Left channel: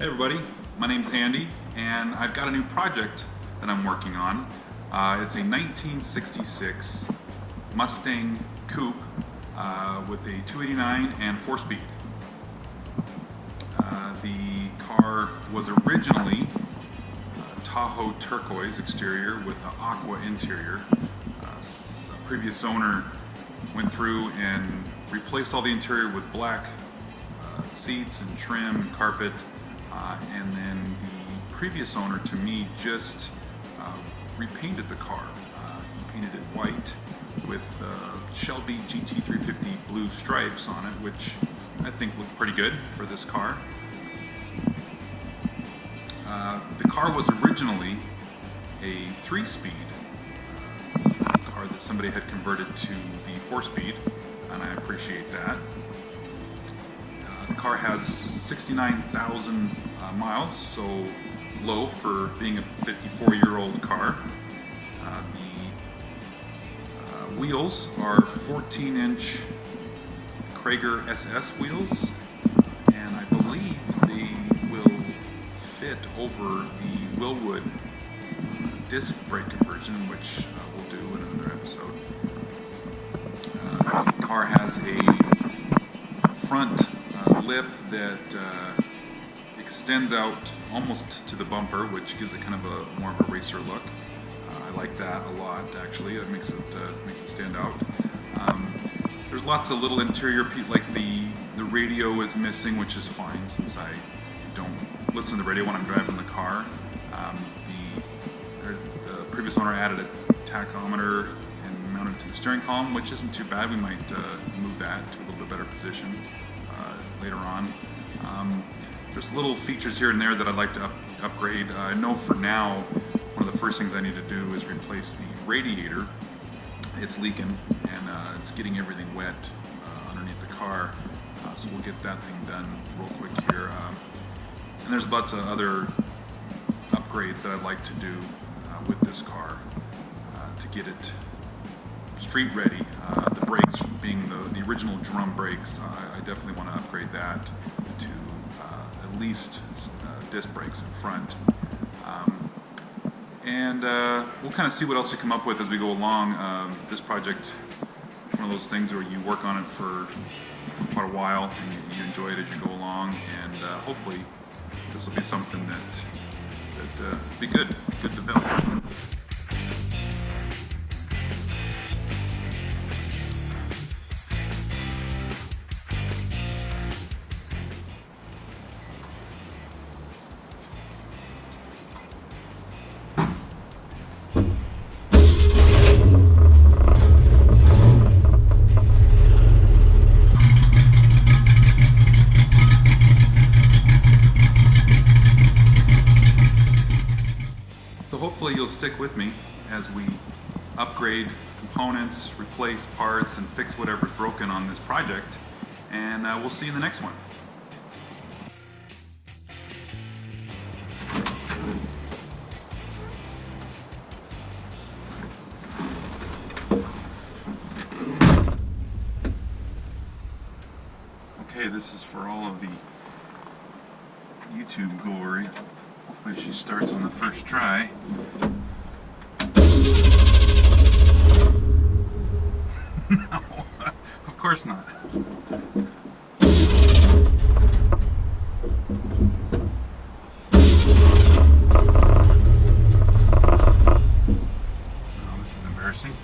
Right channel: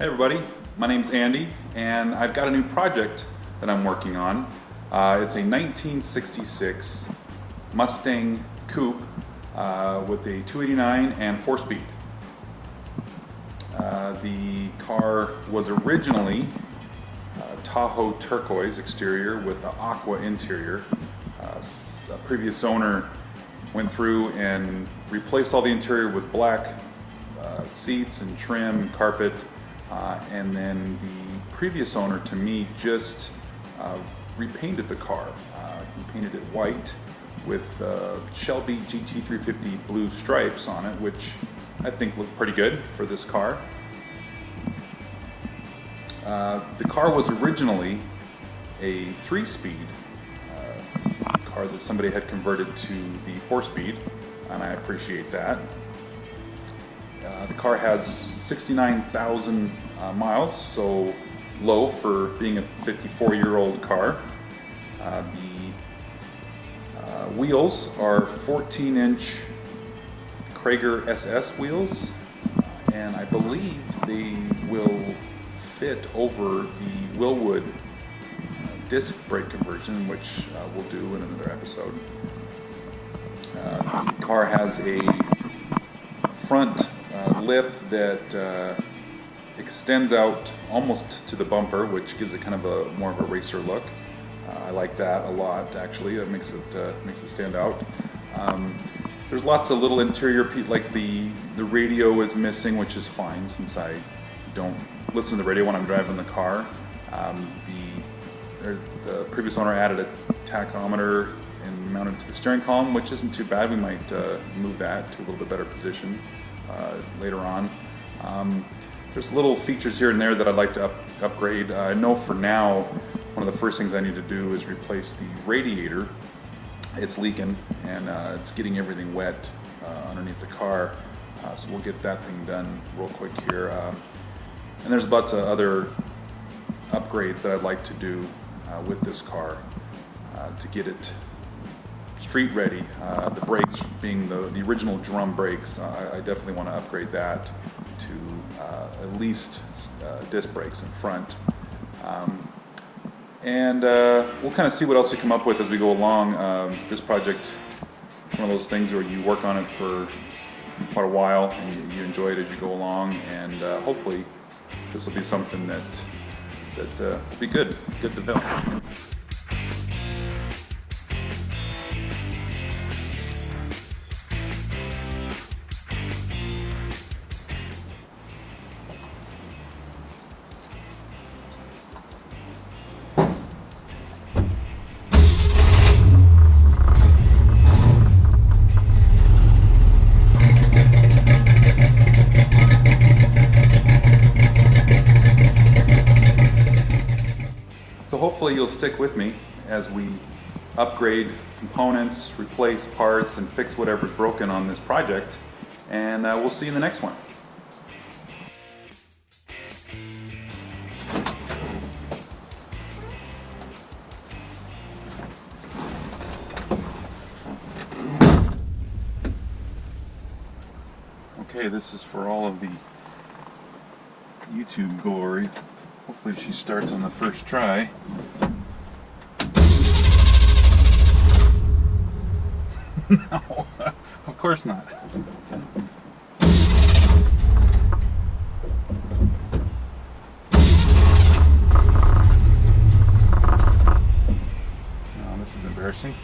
Hey everybody, my name's Andy and I've got a new project that I'm working on. It's a 1966 Mustang Coupe with a 289 and 4-speed. The car was originally Tahoe turquoise exterior with the aqua interior. A previous owner went through and replaced all the interior with black seats and trim and carpet. And then the previous owner, to me, just repainted the car. He painted it white with Shelby GT350 blue stripes on it, which I think looked pretty good for this car. The car was originally a 3-speed car that somebody had converted to the 4-speed, and I appreciate that. The car has 69,000 miles, so low for being a 54-year-old car. The wheels are 14-inch Krager SS wheels, and I believe they will fit over the Willwood disc brake conversion, which we'll do in another episode. The car has a front lip that extends out almost to the bumper, which gives it kind of a more of a racer look. I like that a lot, actually. It makes it stand out. There's lots of little interior, like the radio is missing, which is fine since I don't listen to the radio when I'm driving the car. The previous owner added a tachometer and mounted to the steering column, which isn't too bad. We might move that to a little bit better position later on. There's little features here and there that I'd like to upgrade. I know for now, one of the first things I need to do is replace the radiator. It's leaking and it's getting everything wet underneath the car. So we'll get that thing done real quick here. And there's lots of other upgrades that I'd like to do with this car to get it street ready. The brakes being the original drum brakes, I definitely want to upgrade that to at least disc brakes in front. And we'll kind of see what else we come up with as we go along. This project, one of those things where you work on it for quite a while and you enjoy it as you go along, and hopefully this will be something that will be good to film. So hopefully you'll stick with me as we upgrade components, replace parts, and fix whatever's broken on this project, and we'll see you in the next one. Okay, this is for all of the YouTube glory. Hopefully she starts on the first try. No, of course not. Now this is embarrassing.